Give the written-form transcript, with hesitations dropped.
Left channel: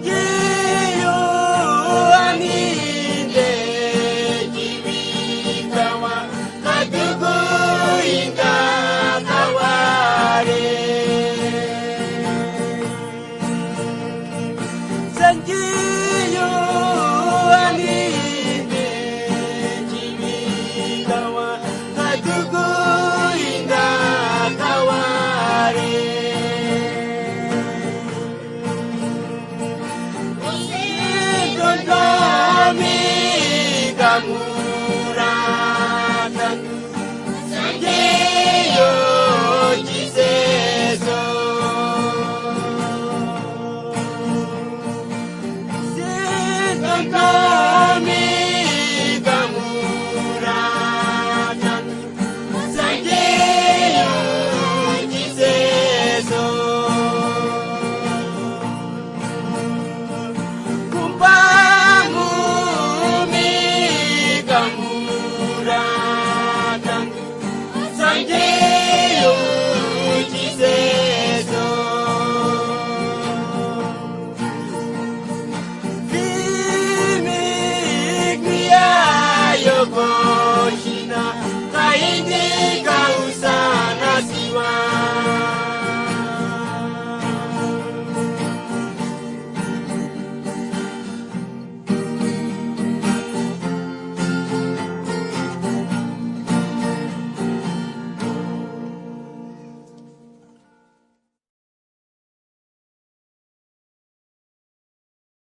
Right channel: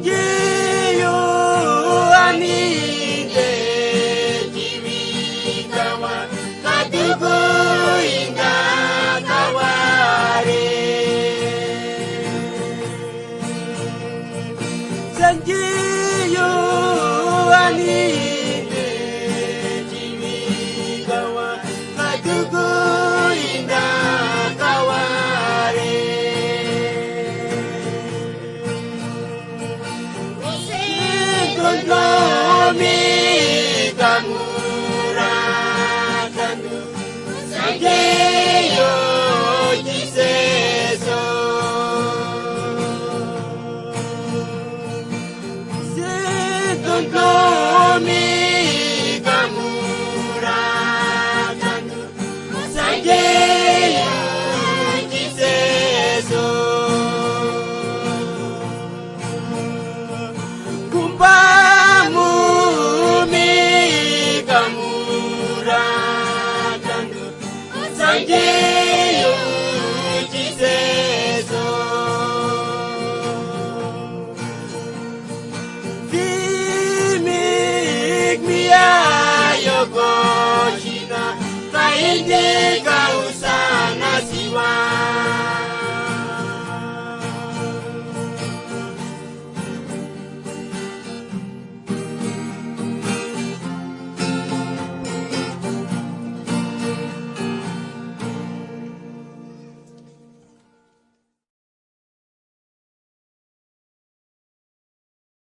Sanjiyo aninde kimi kawa kadugu inga kaware. Sanjiyo aninde kimi kawa kadugu inga kaware. Kami kamurakan Sanjiyo jiseso Setan kami kamurakan Sanjiyo jiseso Kumpamu mi kamurakan Sanjiyo